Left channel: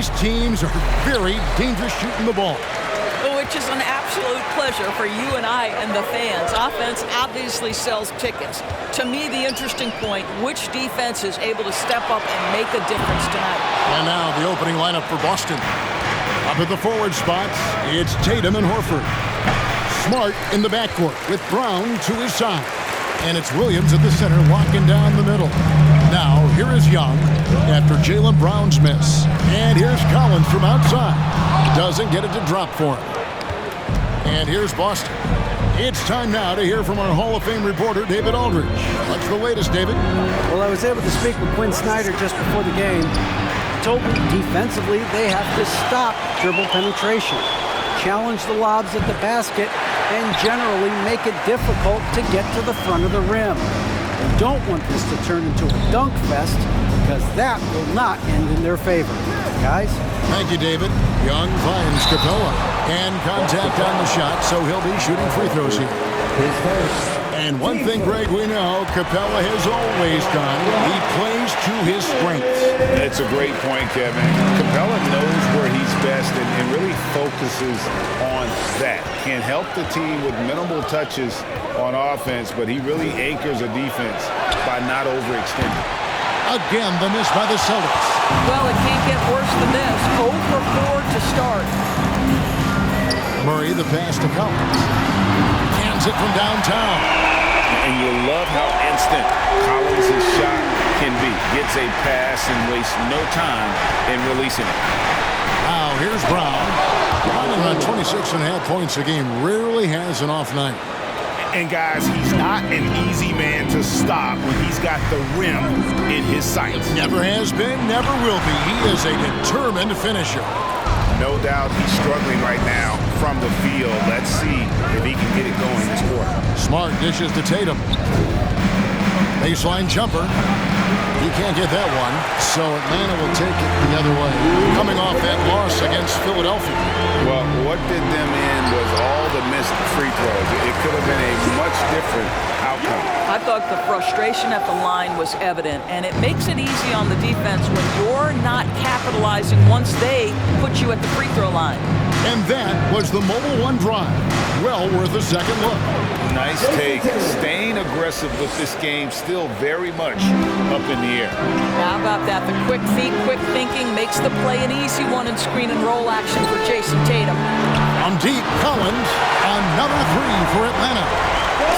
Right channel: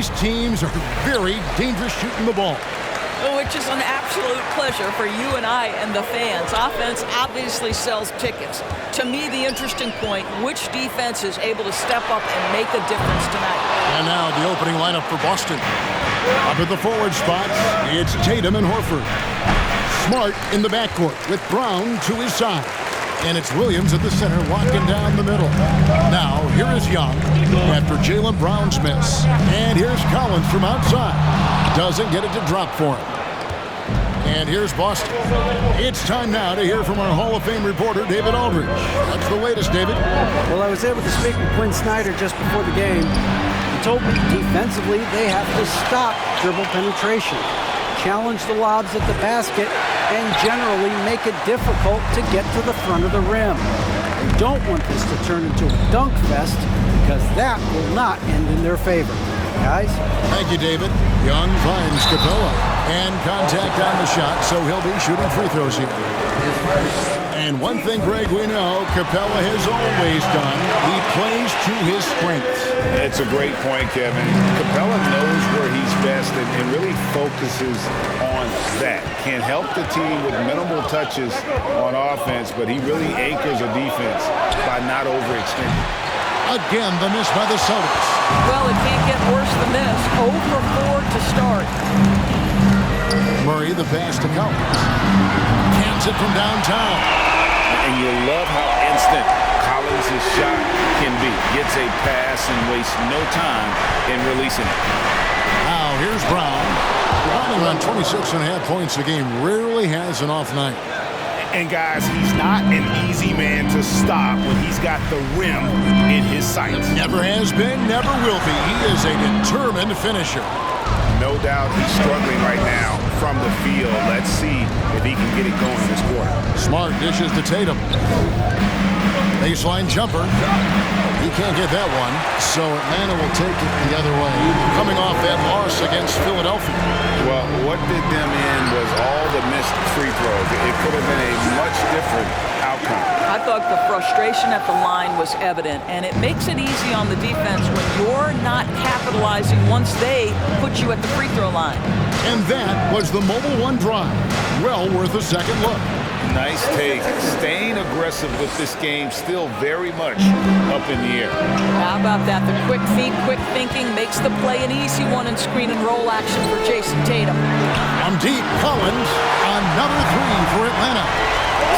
these teams are very dangerous shooting the ball. Which is an absolute pleasure for you and I and the fans. Offense obviously sells tickets. To me, the interesting point, which defense is able to step up and make a difference tonight? And now the opening lineup for Boston. Up at the forward spots, it's Tatum and Horford. Smart in the backcourt with Brown to his side. And it's Williams at the center walking down the middle. Now, here is Young after Jaylen Brown's miss. And here's Collins from outside. Doesn't get it to drop for him. And here's Boston. It's time now to hear from our Hall of Fame reporter, David Aldridge. What's the latest, David? Well, I was able to speak with Quinn Snyder just before the game. He told me defensively they have to stop dribble penetration, challenge the lobs at the basket, and generally make it difficult to get to the front of the rim. They don't want this to turn into a dunk fest because that will not end in their favor. Guys? Thank you, David. Young finds Capella. And contact on the shot, so he'll be shooting free throws here. And one thing, Greg, we know Capella has always done. He plays to his strengths. It's a great point, Kevin. Capella knows where he's best and really focuses on that. Can help the team with minimal touches on offense, but he really anchors a defense by not overextending. Again, the miss by the Celtics. Well, it can't get worse than this. 0 for 4 to start. Murray, the pass to Collins. Cans it from downtown. And you love how instant Collins' shot can be. Gets a pass and wastes no time in releasing it. Now, here's Brown. Running around 26.5 points a game. Rarely has an off night. And, guys, he's not an easy man to stop when he's got the rim in his sights. Never has been, never will be. He is a determined finisher. No doubt he's struggling right now from the field. Let's see if he can get it going this quarter. Smart dishes to Tatum. Baseline jumper. He can't get that one, so Atlanta will take it the other way. Coming off that loss against Philadelphia. Well, what did them in was all the missed free throws. It could have been a much different outcome. I thought the frustration at the line was evident, and it makes it easy on the defense when you're not capitalizing once they put you at the free throw line. And that was the Mobile One drive. Well worth a second look. Nice take. Staying aggressive with this game, still very much up in the air. How about that? The quick feet, quick thinking makes the play an easy one in screen and roll action for Jason Tatum. From deep, Collins, another three for Atlanta.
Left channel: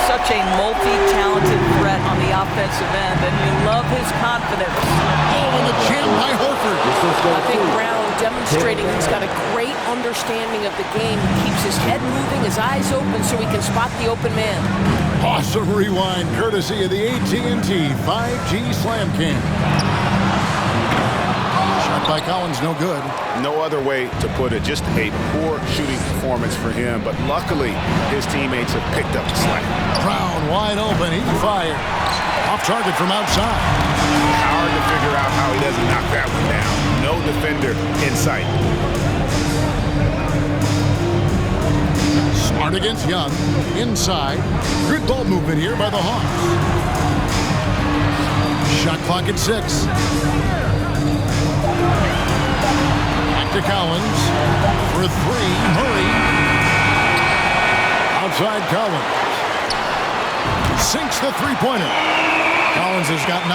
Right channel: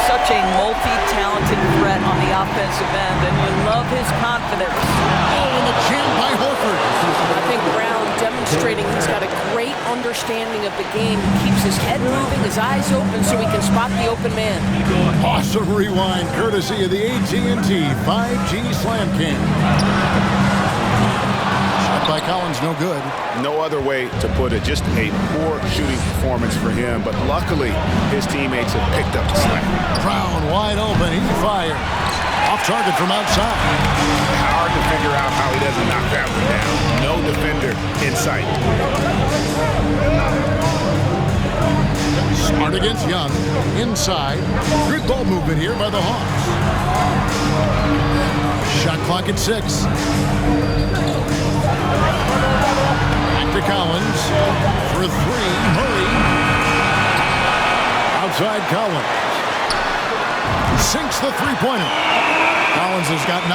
Such a multi-talented threat on the offensive end, and you love his confidence. Oh, and the jam by Horford. I think Brown demonstrating he's got a great understanding of the game. He keeps his head moving, his eyes open so he can spot the open man. Awesome rewind, courtesy of the AT&T 5G Slam Cam. Shot by Collins, no good. No other way to put it. Just a poor shooting performance for him, but luckily his teammates have picked up the slack. Brown wide open, he fires. Off target from outside. Hard to figure out how he doesn't knock that one down. No defender in sight. Smart against Young. Inside. Good ball movement here by the Hawks. Shot clock at 6. Back to Collins. For 3, Murray. Outside Collins. Sinks the three-pointer. Collins has got 9.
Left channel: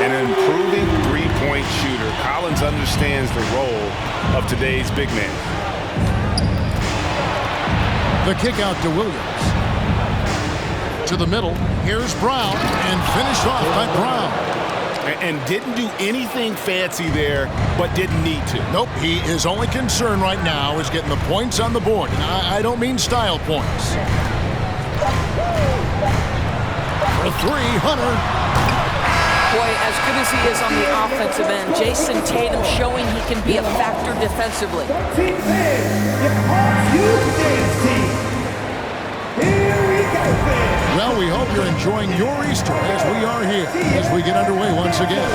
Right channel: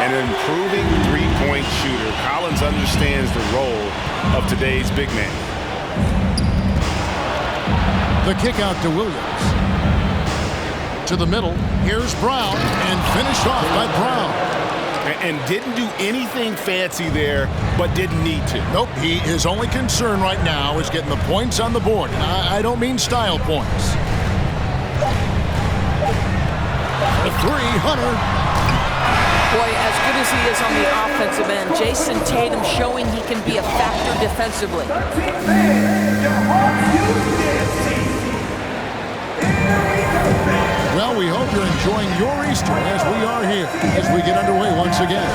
An improving three-point shooter. Collins understands the role of today's big man. The kick out to Williams. To the middle. Here's Brown. And finished off by Brown. And didn't do anything fancy there, but didn't need to. Nope. His only concern right now is getting the points on the board. And I don't mean style points. For 3, Hunter. Boy, as good as he is on the offensive end, Jason Tatum showing he can be a factor defensively. Well, we hope you're enjoying your Easter as we are here as we get underway once again.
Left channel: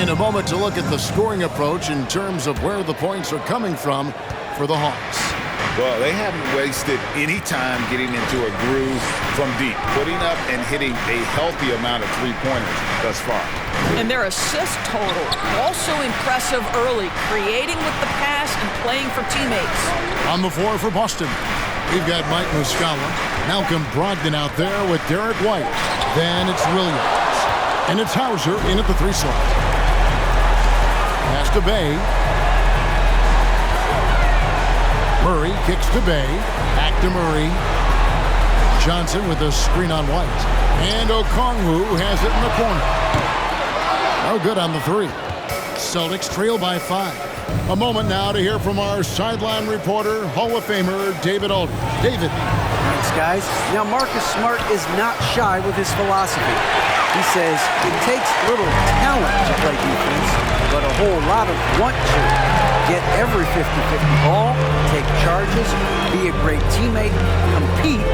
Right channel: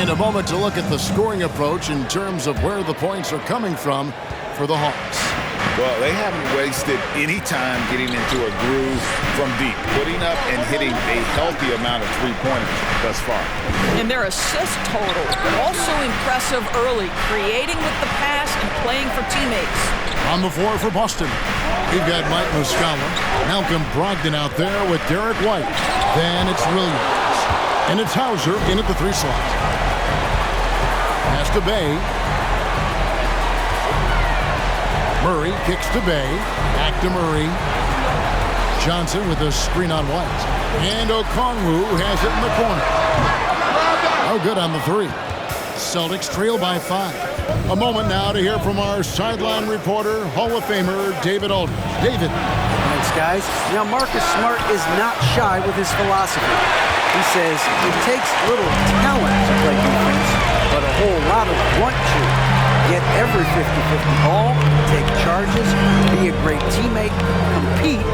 In a moment to look at the scoring approach in terms of where the points are coming from for the Hawks. Well, they haven't wasted any time getting into a groove from deep, putting up and hitting a healthy amount of three-pointers thus far. And their assist total, also impressive early, creating with the pass and playing for teammates. On the floor for Boston, we've got Mike Muscala, Malcolm Brogdon out there with Derek White. Then it's Williams. And it's Hauser in at the 3 slot. Pass to Bay. Murray kicks to Bay. Back to Murray. Johnson with a screen on White. And Okongwu has it in the corner. No good on the 3. Celtics trail by 5. A moment now to hear from our sideline reporter, Hall of Famer David Aldridge. David. Thanks, guys. Now, Marcus Smart is not shy with his philosophy. He says it takes little talent to play defense, but a whole lot of want to. Get every 50-50 ball, take charges, be a great teammate, compete,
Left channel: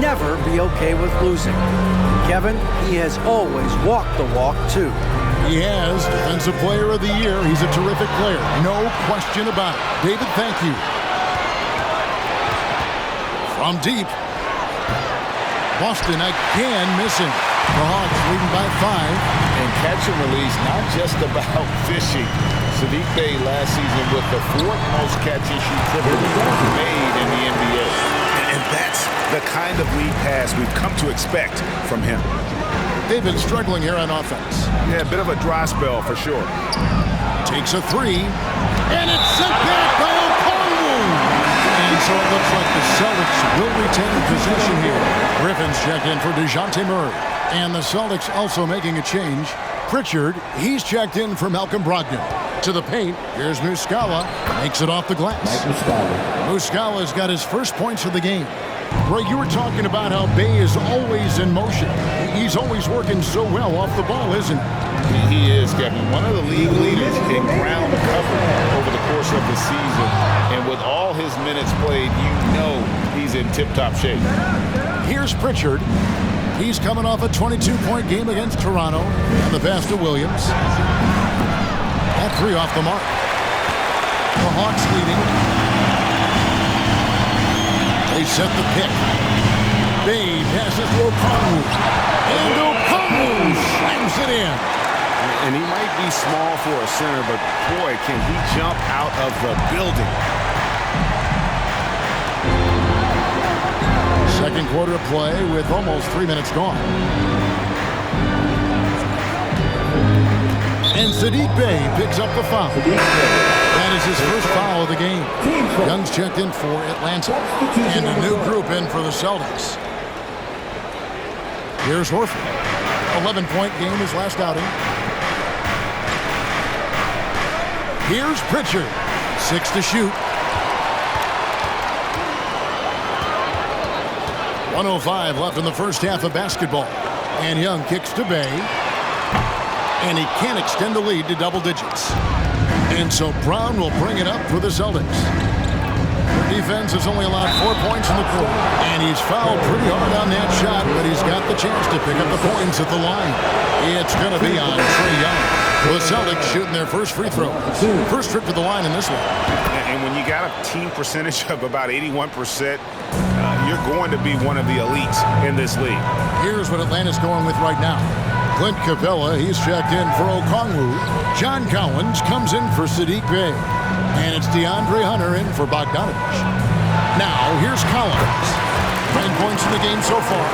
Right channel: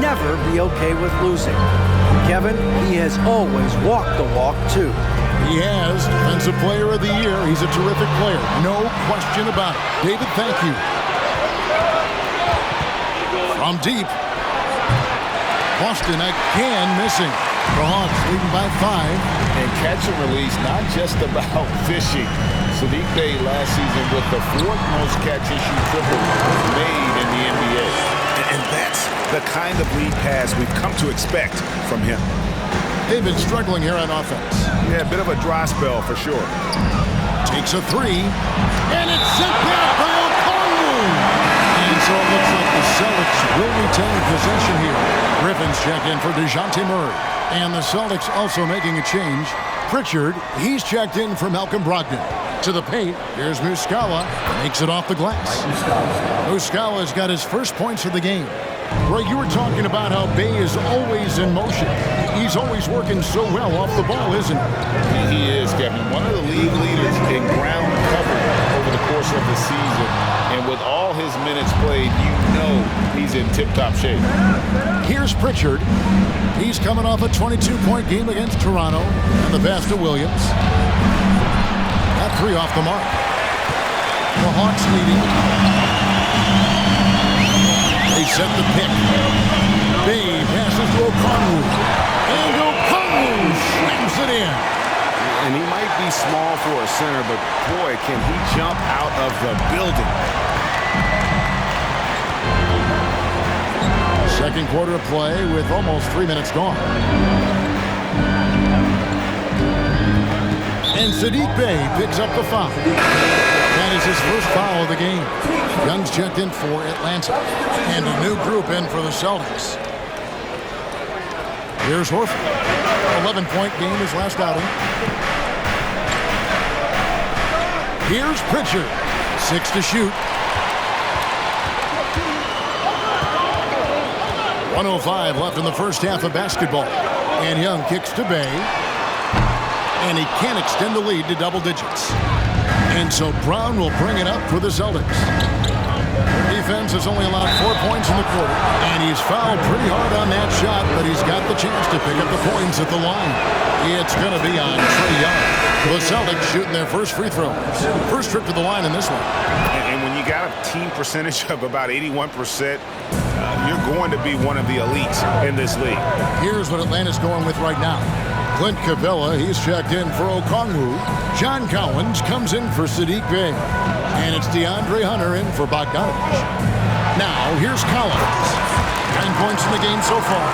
never be okay with losing. Kevin, he has always walked the walk, too. He has Defensive Player of the Year. He's a terrific player. No question about it. David, thank you. From deep. Boston again missing. The Hawks leading by 5. And catch and release, not just about fishing. Sadiq Bey last season with the 4th most catch-and-shoot triples made in the NBA. And that's the kind of lead pass we've come to expect from him. They've been struggling here on offense. Yeah, a bit of a dry spell for sure. Takes a 3. And it's sent back by Okongwu. And so it looks like the Celtics will retain possession here. Griffin's checked in for DeJounte Murray. And the Celtics also making a change. Pritchard, he's checked in for Malcolm Brogdon. To the paint, here's Muscala, makes it off the glass. Muscala's got his first points of the game. Greg, you were talking about how Bey is always in motion. He's always working so well off the ball, isn't he? He is, Kevin. One of the league leaders in ground covered over the course of the season. And with all his minutes played, you know he's in tip-top shape. Here's Pritchard. He's coming off a 22-point game against Toronto. And the pass to Williams. That 3 off the mark. The Hawks leading. They set the pick. Bey passes to Okongwu. And Okongwu slams it in. And he might be small for a center, but boy, can he jump out of the building. Second quarter of play with almost 3 minutes gone. And Sadiq Bey picks up the foul. That is his first foul of the game. Young's checked in for Atlanta. And a new group in for the Celtics. Here's Horford. 11-point game his last outing. Here's Pritchard. 6 to shoot. 1:05 left in the first half of basketball. And Young kicks to Bey. And he can't extend the lead to double digits. And so Brown will bring it up for the Celtics. Their defense has only allowed 4 points in the quarter. And he's fouled pretty hard on that shot, but he's got the chance to pick up the points at the line. It's going to be on Trae Young. The Celtics shooting their first free throw. First trip to the line in this one. And when you got a team percentage of about 81%, you're going to be one of the elites in this league. Here's what Atlanta's going with right now. Clint Capella, he's checked in for Okongwu. John Collins comes in for Sadiq Bey. And it's DeAndre Hunter in for Bogdanovich. Now, here's Collins. 9 points in the game so far.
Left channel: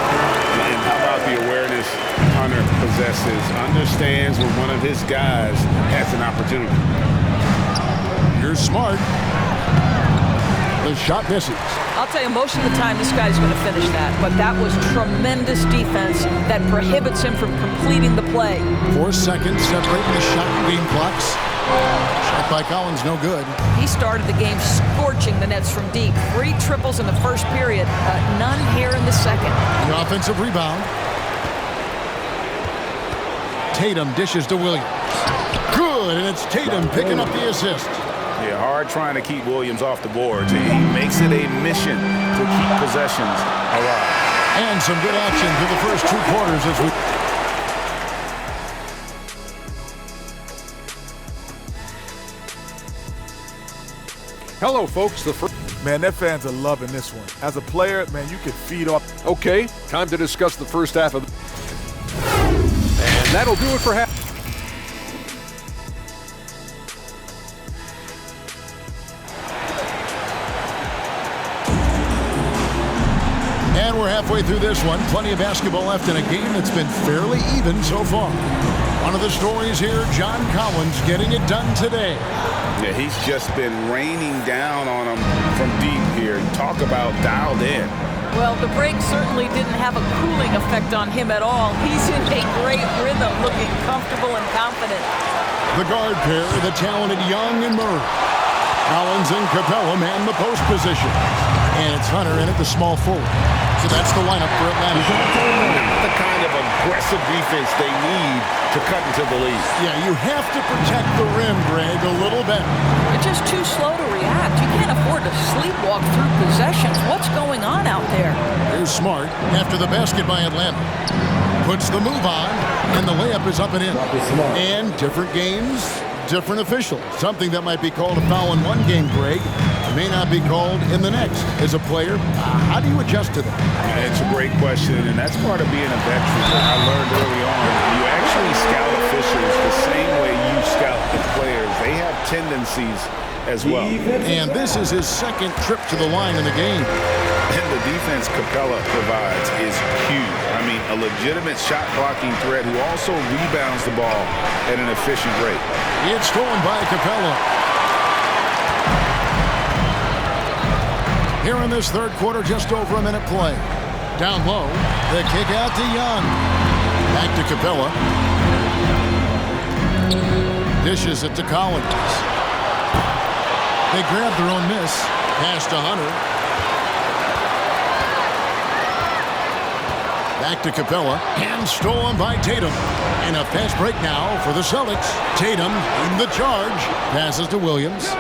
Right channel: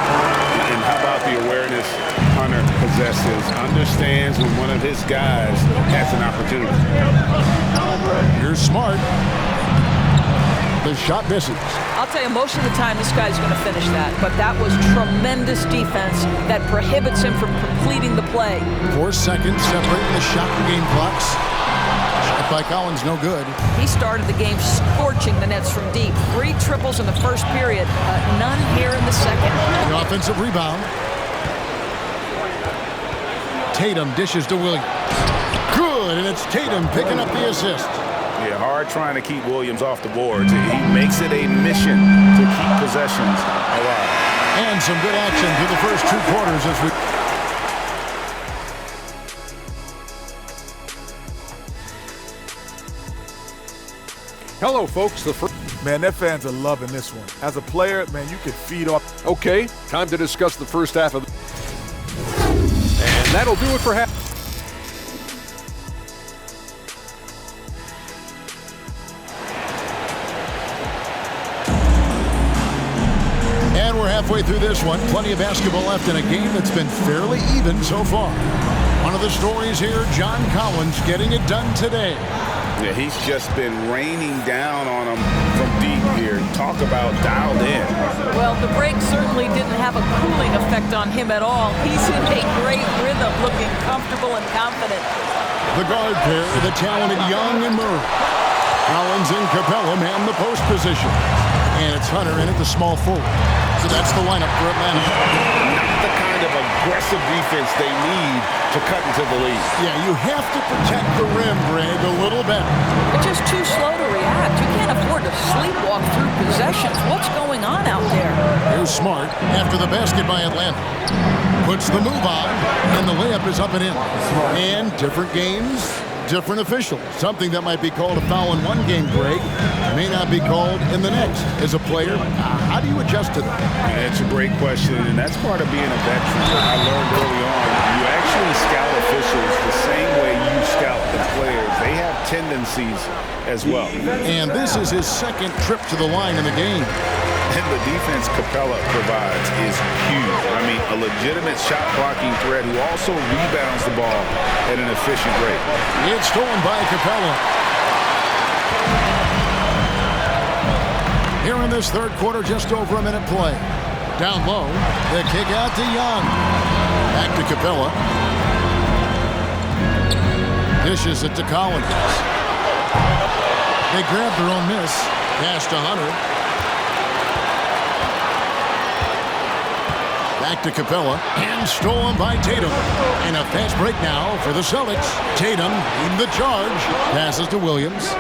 And how about the awareness Hunter possesses? Understands when one of his guys has an opportunity. Here's Smart. The shot misses. I'll tell you, most of the time this guy's going to finish that, but that was tremendous defense that prohibits him from completing the play. 4 seconds separating the shot and game clocks. Shot by Collins, no good. He started the game scorching the Nets from deep. 3 triples in the first period, none here in the second. The offensive rebound. Tatum dishes to Williams. Good, and it's Tatum picking up the assist. Yeah, hard trying to keep Williams off the boards. He makes it a mission to keep possessions alive. And some good action through the first 2 quarters as we... Hello, folks. The first... Man, their fans are loving this one. As a player, man, you could feed off. Okay, time to discuss the first half of and that'll do it for half. And we're halfway through this one. Plenty of basketball left in a game that's been fairly even so far. One of the stories here, John Collins getting it done today. Yeah, he's just been raining down on him from deep here. Talk about dialed in. Well, the break certainly didn't have a cooling effect on him at all. He's in a great rhythm, looking comfortable and confident. The guard pair, the talented Young and Murray. Collins and Capella man the post position. And it's Hunter in at the small forward. So that's the lineup for Atlanta. Not the kind of aggressive defense they need to cut into the lead. Yeah, you have to protect the rim, Greg, a little better. They're just too slow to react. You can't afford to sleepwalk through possessions. What's going on out there? Here's Smart after the basket by Atlanta. Puts the move on, and the layup is up and in. And different games, different officials. Something that might be called a foul in one game, Greg, may not be called in the next. As a player, how do you adjust to that? It's a great question, and that's part of being a veteran. I learned early on, you actually scout officials the same way you scout the players. They have tendencies as well. And this is his second trip to the line in the game. And the defense Capella provides is huge. I mean, a legitimate shot-blocking threat who also rebounds the ball at an efficient rate. It's stolen by Capella. Here in this third quarter, just over a minute play. Down low, the kick out to Young. Back to Capella. Dishes it to Collins. They grab their own miss. Pass to Hunter. Back to Capella, and stolen by Tatum. And a fast break now for the Celtics. Tatum in the charge. Passes to Williams.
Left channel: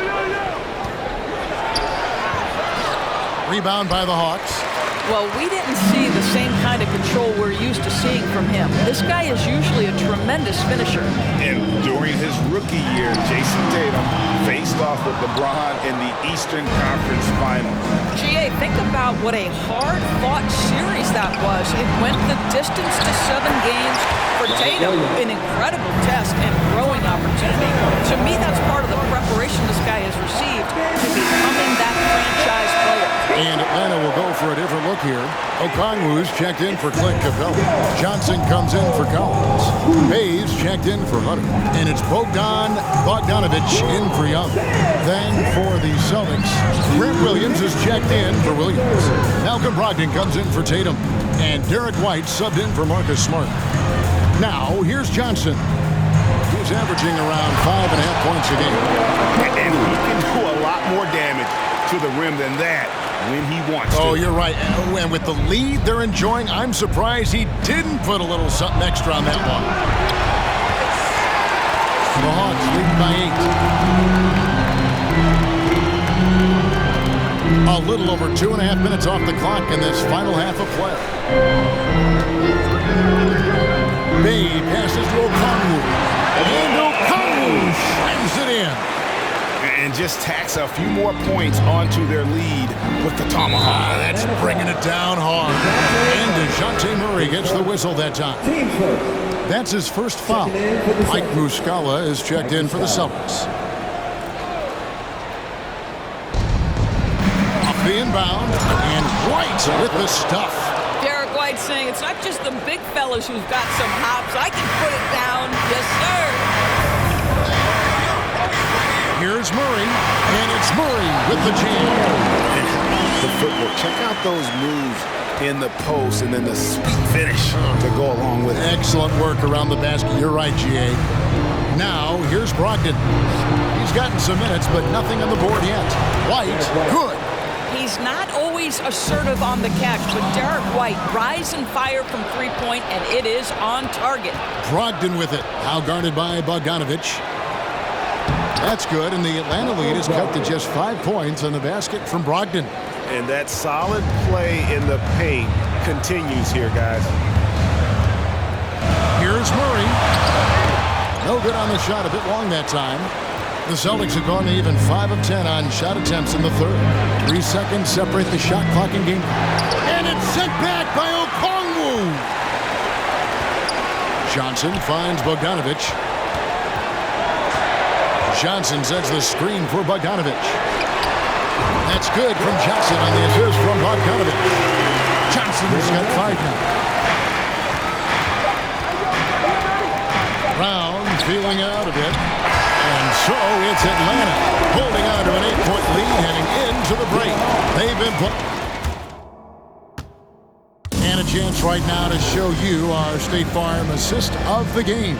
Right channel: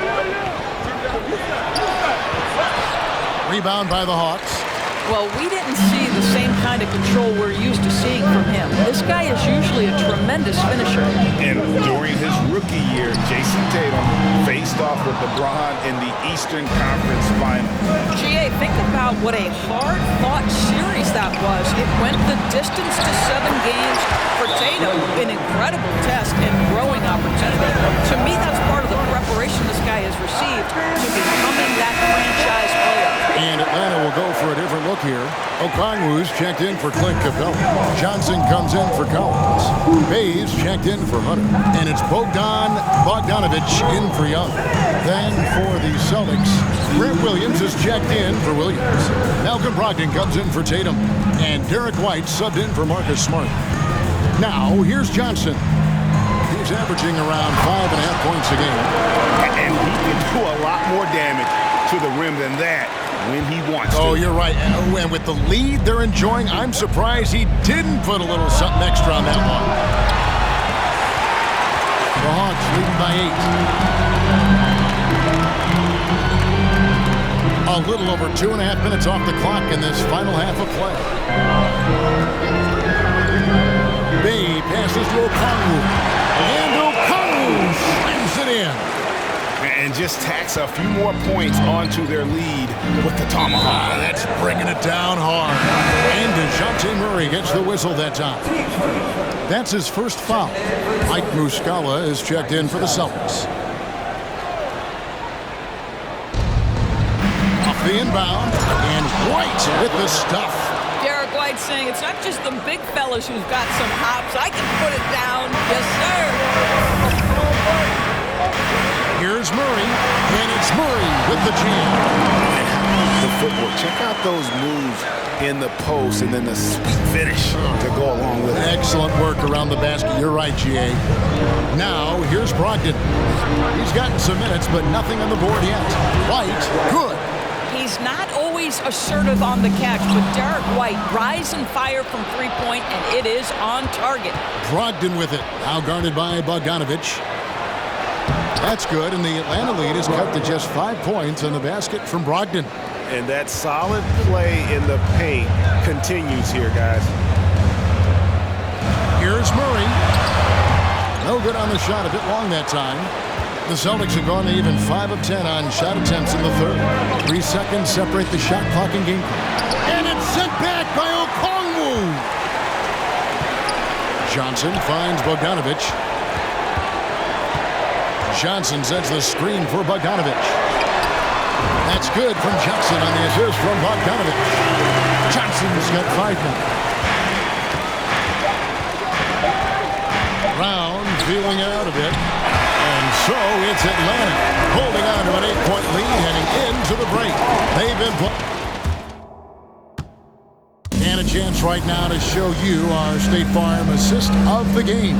Rebound by the Hawks. Well, we didn't see the same kind of control we're used to seeing from him. This guy is usually a tremendous finisher. And during his rookie year, Jason Tatum faced off with LeBron in the Eastern Conference Final. GA, think about what a hard-fought series that was. It went the distance to 7 games. For Tatum, an incredible test and growing opportunity. To me, that's part of the preparation this guy has received to becoming that franchise player. And Atlanta will go for a different look here. Okongwu's checked in for Clint Capella. Johnson comes in for Collins. Bays checked in for Hunter. And it's Bogdanovich in for Young. Then for the Celtics, Grant Williams is checked in for Williams. Malcolm Brogdon comes in for Tatum. And Derek White subbed in for Marcus Smart. Now, here's Johnson. He's averaging around 5.5 points a game. And he can do a lot more damage to the rim than that when he wants to. Oh, you're right. And with the lead they're enjoying, I'm surprised he didn't put a little something extra on that one. The Hawks leading by 8. A little over 2.5 minutes off the clock in this final half of play. Bay passes to Okongwu. And Okongwu slams it in. And just tacks a few more points onto their lead with the tomahawk. That's bringing it down hard. And DeJounte Murray gets the whistle that time. That's his first foul. Mike Muscala is checked in for the Celtics. Off the inbound, and White with the stuff. Derek White saying it's not just the big fellas who've got some hops. I can put it down. Yes, sir. Here's Murray, and it's Murray with the jam. And how about the footwork? Check out those moves in the post and then the sweet finish to go along with it. Excellent work around the basket. You're right, GA. Now, here's Brogdon. He's gotten some minutes, but nothing on the board yet. White, good. He's not always assertive on the catch, but Derek White rise and fire from three-point, and it is on target. Brogdon with it. Now guarded by Bogdanovich. That's good, and the Atlanta lead is cut to just 5 points on the basket from Brogdon. And that solid play in the paint continues here, guys. Here's Murray. No good on the shot, a bit long that time. The Celtics have gone to even 5 of 10 on shot attempts in the third. 3 seconds separate the shot clock and game clock. And it's sent back by Okongwu. Johnson finds Bogdanovic. Johnson sets the screen for Bogdanovic. That's good from Johnson on the assist from Bogdanovic. Johnson's got 5 now. Brown feeling out a bit. And so it's Atlanta holding on to an 8-point lead heading into the break. They've been and a chance right now to show you our State Farm assist of the game.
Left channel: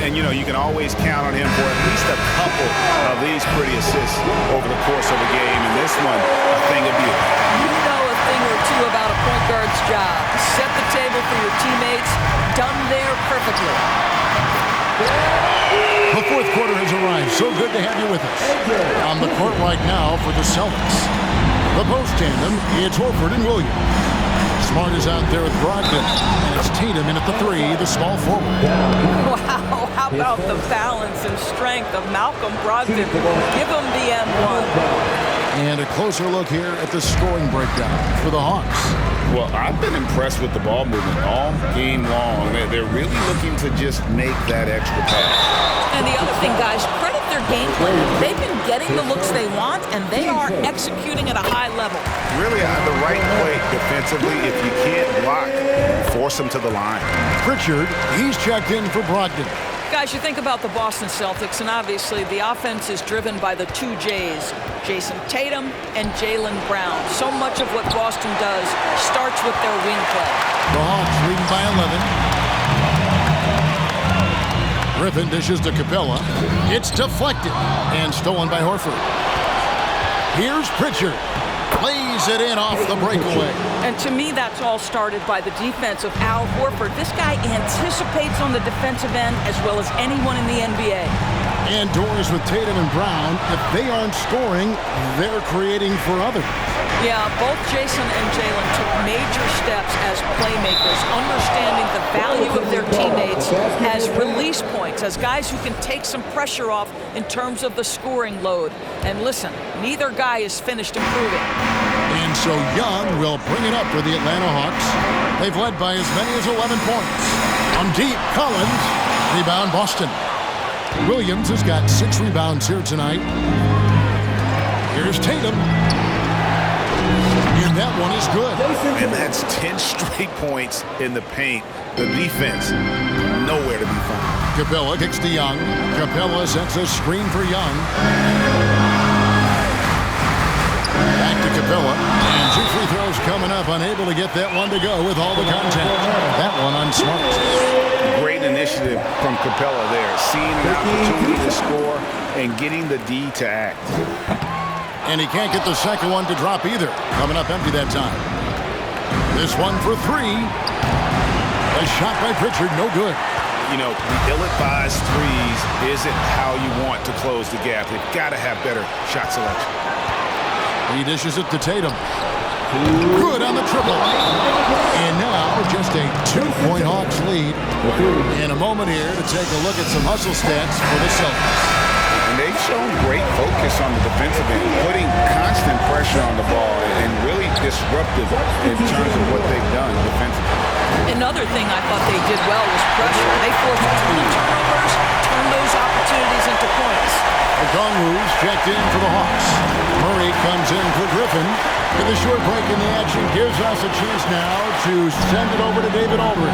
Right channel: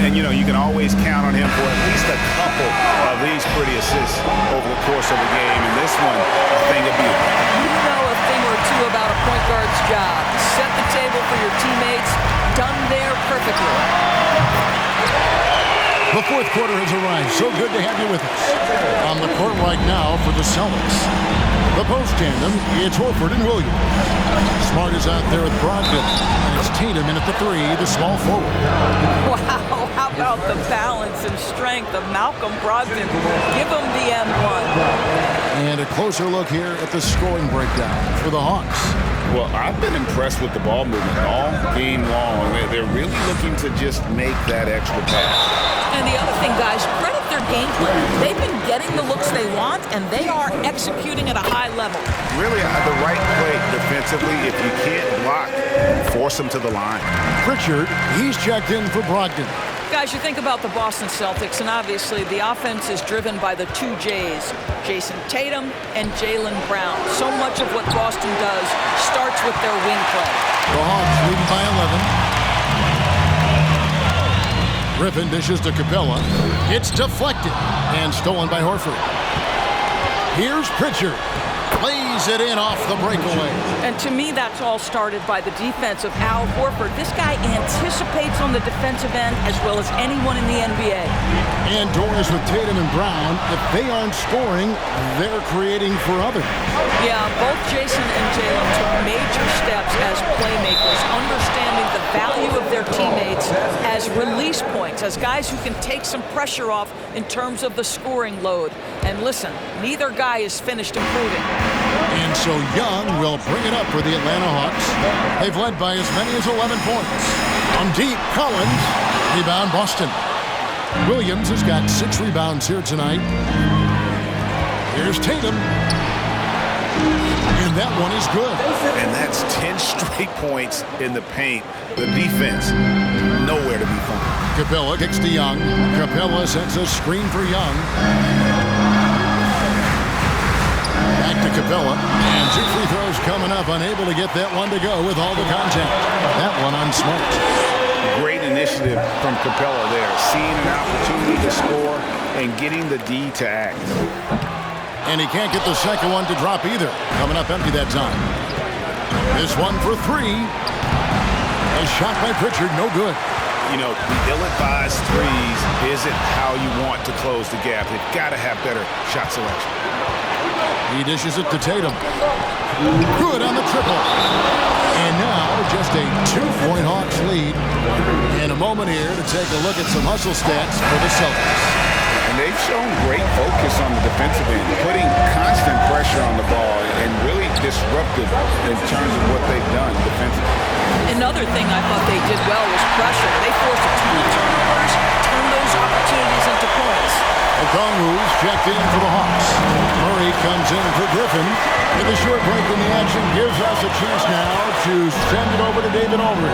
And, you know, you can always count on him for at least a couple of these pretty assists over the course of a game. And this one, a thing of beauty. You know a thing or two about a point guard's job. Set the table for your teammates. Done there perfectly. The fourth quarter has arrived. So good to have you with us. On the court right now for the Celtics. The post tandem, it's Horford and Williams. Smart is out there with Brogdon. And it's Tatum in at the 3, the small forward. Wow, how about the balance and strength of Malcolm Brogdon? Give him the M1. And a closer look here at the scoring breakdown for the Hawks. Well, I've been impressed with the ball movement all game long. They're really looking to just make that extra pass. And the other thing, guys, credit their game plan. They've been getting the looks they want, and they are executing at a high level. Really, the right play defensively. If you can't block, force them to the line. Pritchard, he's checked in for Brogdon. Guys, you think about the Boston Celtics, and obviously the offense is driven by the 2 J's, Jason Tatum and Jaylen Brown. So much of what Boston does starts with their wing play. The Hawks leading by 11. Griffin dishes to Capella. It's deflected and stolen by Horford. Here's Pritchard. Plays it in off the breakaway. And to me, that's all started by the defense of Al Horford. This guy anticipates on the defensive end as well as anyone in the NBA. And doors with Tatum and Brown. If they aren't scoring, they're creating for others. Yeah, both Jason and Jaylen took major steps as playmakers, understanding the value of their teammates as release points, as guys who can take some pressure off in terms of the scoring load. And listen, neither guy is finished improving. And so Young will bring it up for the Atlanta Hawks. They've led by as many as 11 points. From deep, Collins. Rebound, Boston. Williams has got 6 rebounds here tonight. Here's Tatum. And that one is good. And that's 10 straight points in the paint. The defense, nowhere to be found. Capella kicks to Young. Capella sets a screen for Young. Back to Capella. And 2 free throws coming up. Unable to get that one to go with all the contact. That one on Smart. Great initiative from Capella there. Seeing an opportunity to score and getting the D to act. And he can't get the second one to drop either. Coming up empty that time. This one for 3. A shot by Pritchard, no good. You know, the ill-advised threes isn't how you want to close the gap. They've got to have better shot selection. He dishes it to Tatum. Good on the triple. And now just a 2-point Hawks lead. In a moment here to take a look at some hustle stats for the Celtics. And they've shown great focus on the defensive end, putting constant pressure on the ball and really disruptive in terms of what they've done defensively. Another thing I thought they did well was pressure. They forced a ton of turnovers, turned those opportunities into points. Okongwu's checked in for the Hawks. Murray comes in for Griffin. And the short break in the action gives us a chance now to send it over to David Aldridge.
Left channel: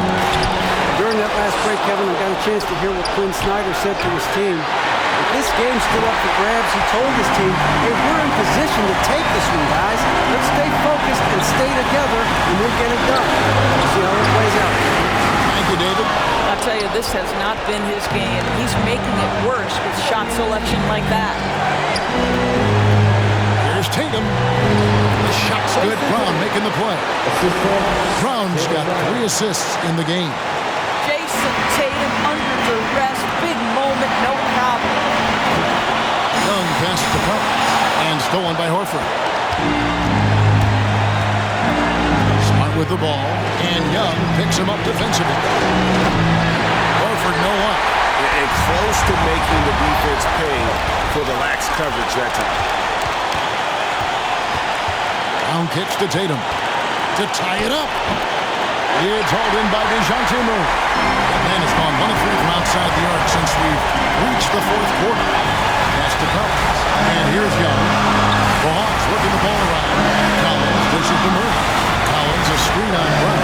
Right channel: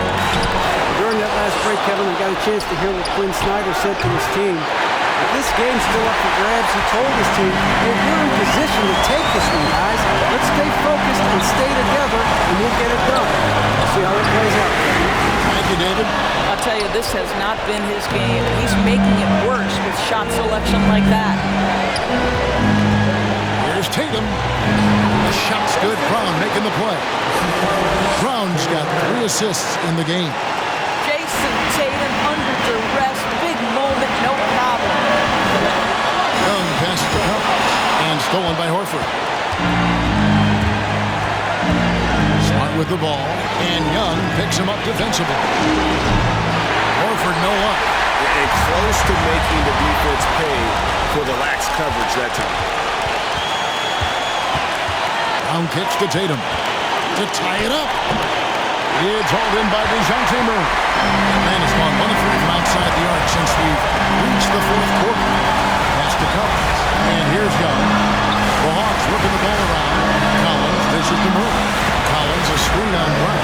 During that last break, Kevin, I got a chance to hear what Quinn Snyder said to his team. If this game's still up for grabs, he told his team, hey, we're in position to take this one, guys. Let's stay focused and stay together, and we'll get it done. We'll see how it plays out, Kevin. Thank you, David. I'll tell you, this has not been his game. He's making it worse with shot selection like that. Here's Tatum. The shot's good. Brown making the play. Brown's got 3 assists in the game. Jason Tatum under duress, big moment, no problem. Young passes to Collins and stolen by Horford. Smart with the ball, and Young picks him up defensively. Horford no luck. and close to making the defense pay for the lax coverage that time. Brown kicks to Tatum to tie it up. It's hauled in by DeJounte Murray. Atlanta's gone 1 of 3 from outside the arc since we've reached the fourth quarter. Pass to Collins. And here's Young. The Hawks working the ball around. Collins dishes to Murray. Collins a screen on Brown.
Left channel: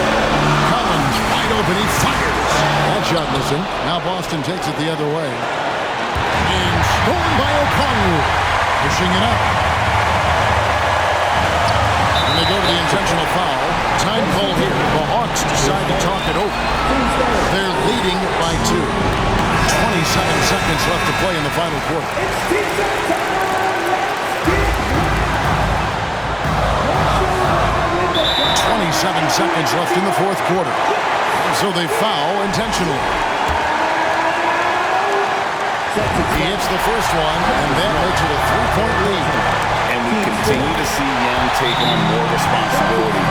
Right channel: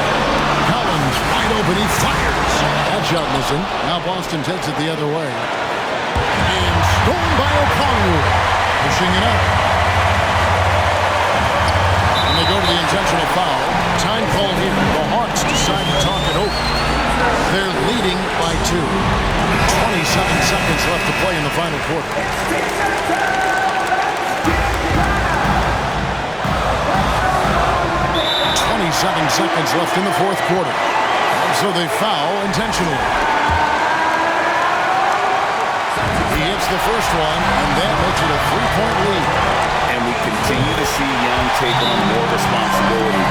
Collins wide open. He fires. That shot missing. Now Boston takes it the other way. And stolen by Okongwu. Pushing it up. When they go to the intentional foul, time called here. The Hawks decide to talk it over. They're leading by 2. 27 seconds left to play in the final quarter. 27 seconds left in the fourth quarter. And so they foul intentionally. He hits the first one, and that makes it a 3-point lead. And we continue to see Young take on more responsibility,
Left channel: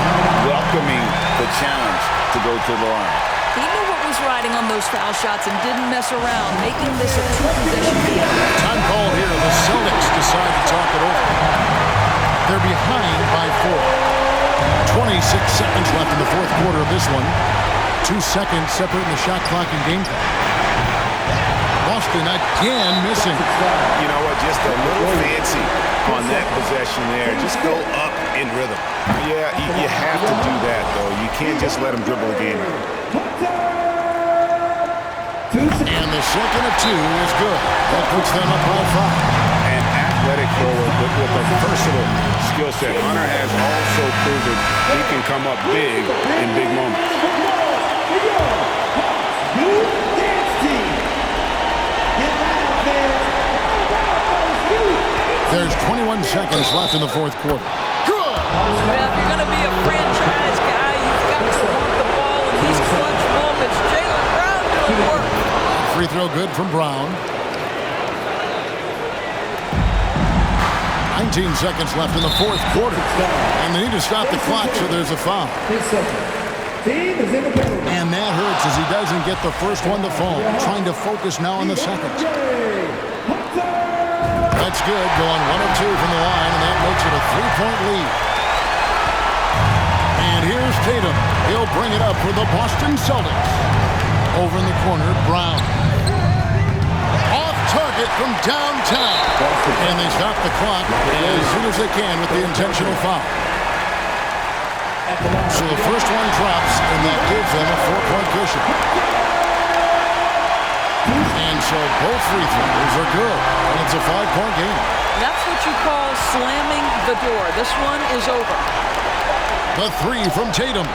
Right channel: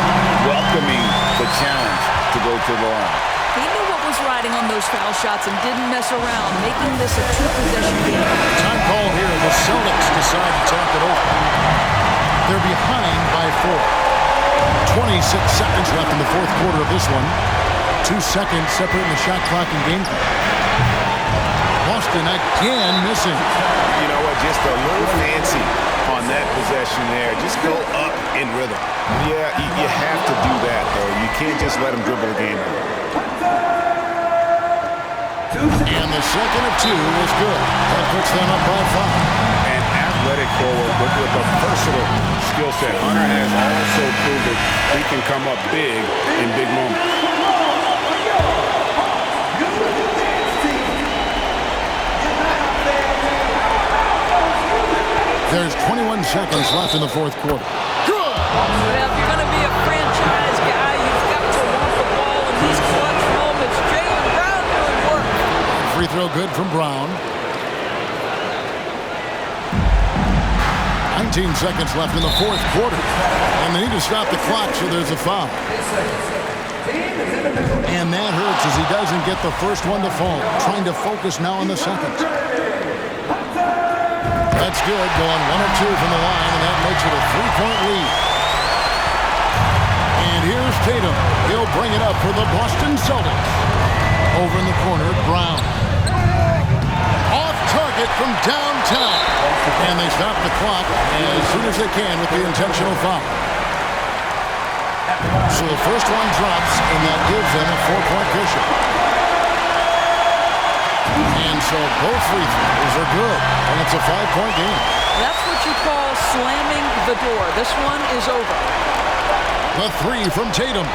welcoming the challenge to go to the line. He knew what was riding on those foul shots and didn't mess around, making this a 2-possession game. Time called here. The Celtics decide to talk it over. They're behind by 4. 26 seconds left in the fourth quarter of this one. 2 seconds separating the shot clock and game clock. Boston again missing. You know what? Just a little fancy on that possession there. Just go up in rhythm. Yeah, you have to do that, though. You can't just let him dribble the game out. And the second of 2 is good. That puts them up by 5. An athletic forward with a versatile skill set. Hunter has also proven he can come up big in big moments. There's 21 seconds left in the fourth quarter. Good! Well, if you're going to be a franchise guy, you've got to want the ball in these clutch moments. Jaylen Brown doing work. Free throw good from Brown. 19 seconds left in the fourth quarter. And they need to stop the clock, so there's a foul. And that hurts as he doesn't get the first one to fall. Trying to focus now on the second. That's good. Going 1 of 2 from the line, and that makes it a 3-point lead. And here's Tatum. He'll bring it up for the Boston Celtics. Over in the corner, Brown. Off target from downtown. And they stop the clock as soon as they can with the intentional foul. So the first one drops, and that gives them a 4-point cushion. And so both free throws are good, and it's a 5-point game. That's what you call slamming the door. This one is over. The 3 from Tatum.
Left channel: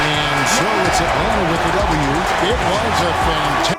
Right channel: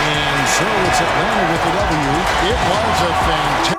And so it's Atlanta with the W. It was a fantastic